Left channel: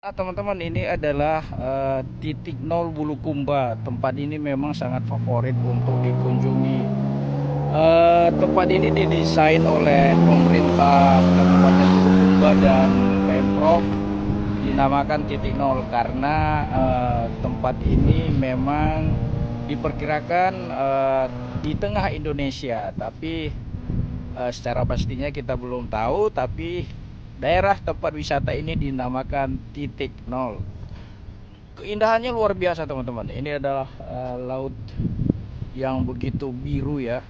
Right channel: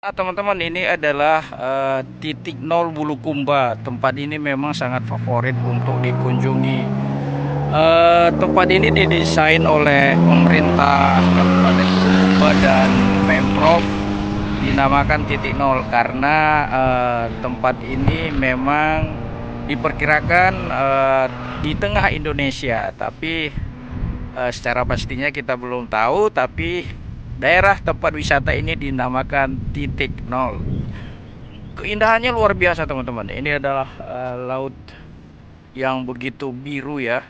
Teman-teman, ini adalah titik nol Bulukumba. Tempat ini memang sangat favorit untuk dikunjungi. Tempat ini didesain oleh pemerintah Kabupaten Bulukumba dan Pemprov, dinamakan titik nol karena tempat ini memang diperkirakan di tengah Indonesia, tapi secara pastinya kita belum tahu. Tapi daerah tempat wisata ini dinamakan titik nol. Keindahannya luar biasa, teman-teman. Ini adalah laut yang begitu biru ya,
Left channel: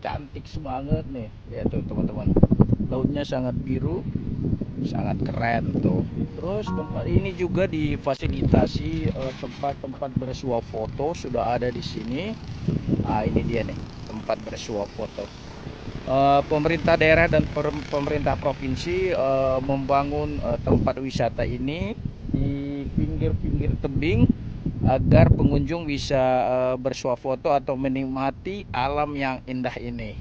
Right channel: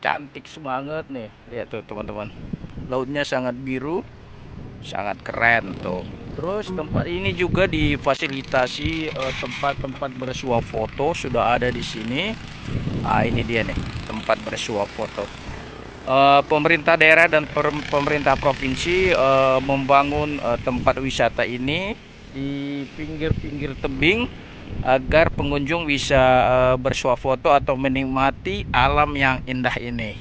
cantik semangat nih. Lihat tuh, teman-teman, lautnya sangat biru, sangat keren tuh. Terus tempat ini juga difasilitasi tempat-tempat bersuah foto sudah ada di sini. Ini dia nih, tempat bersuah foto. Pemerintah daerah dan pemerintah provinsi membangun tempat wisata ini di pinggir-pinggir tebing agar pengunjung bisa bersuah foto atau menikmati alam yang indah ini.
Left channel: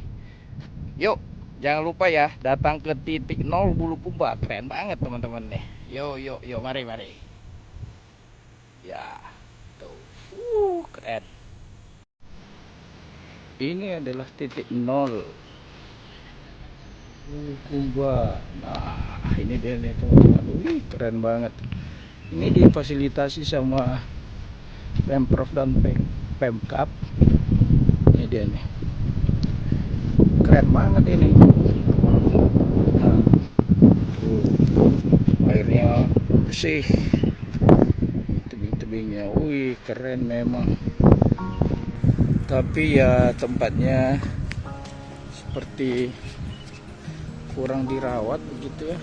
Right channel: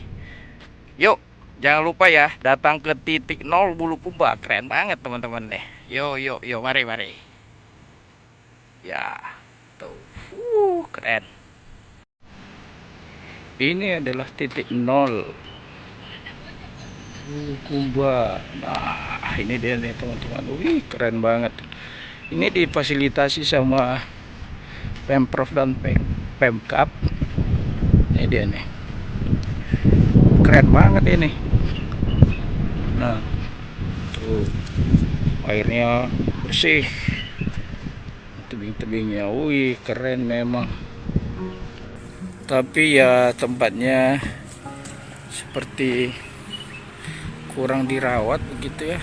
Yuk, jangan lupa ya, datang ke titik nol Bulukumba. Keren banget, teman-teman nih. Yuk, yuk, yuk, mari, mari. Ya, tuh. Keren. Ini adalah titik nol Bulukumba. Nah, ini dia nih, teman-teman. Wih, keren banget. Ini difasilitasi sama Pemprov dan Pemkap. Ini dia nih. Keren banget ini. Nah, tuh, airnya bersih. Tebing-tebingnya, wih, keren memang. Tapi ya tempatnya seperti kurang dirawat begitu ya.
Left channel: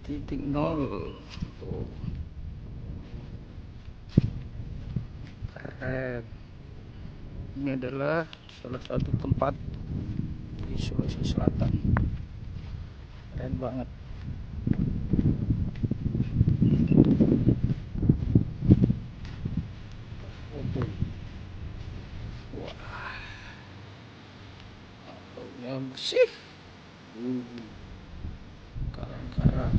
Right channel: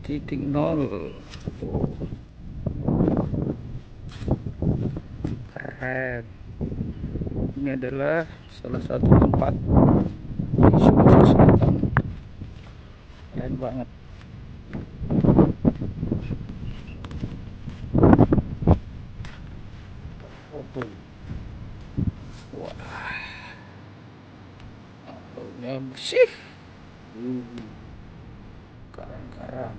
Titik nol. Oh, keren. Ini adalah salah satu tempat di Sulawesi Selatan. Keren banget. Foto. Wah, lautnya bersih. Karang-karang.